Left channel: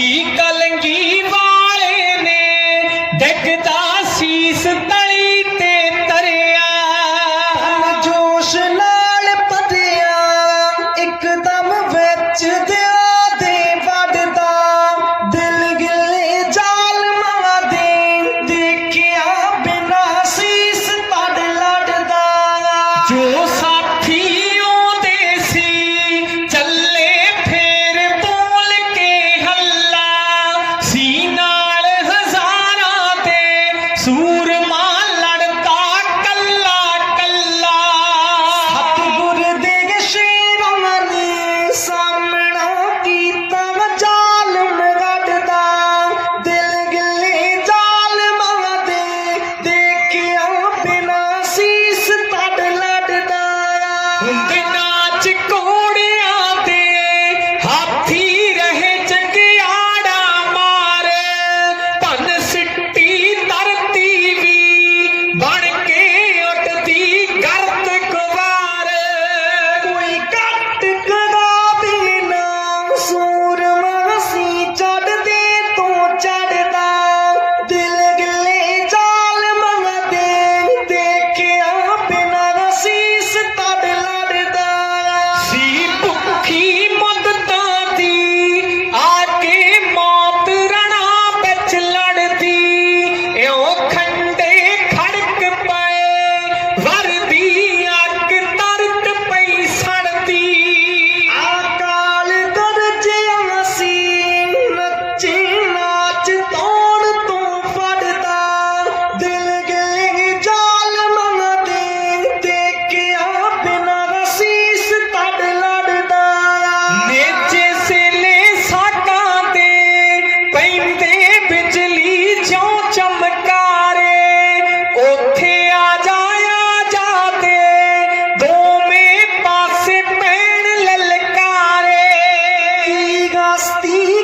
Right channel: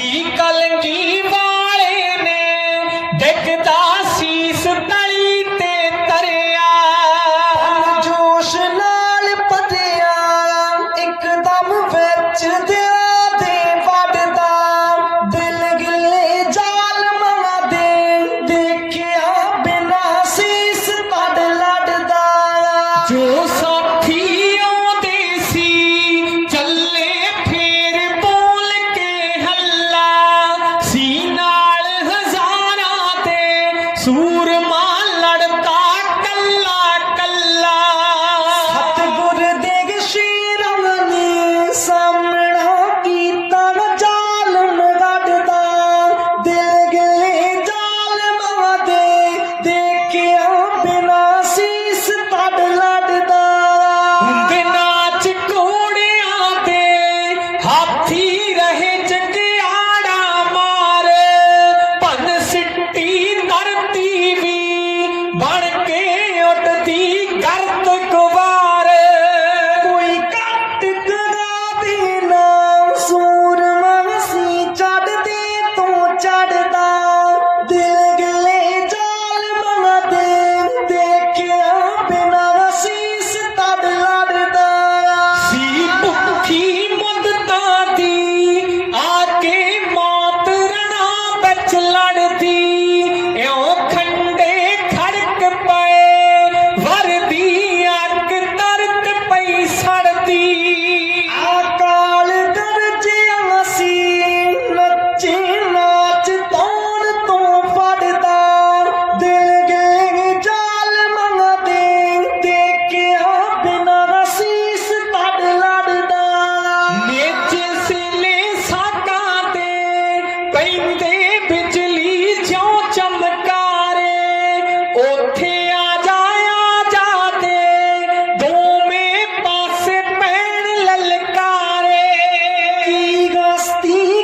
Дик ਤੇ Daddy.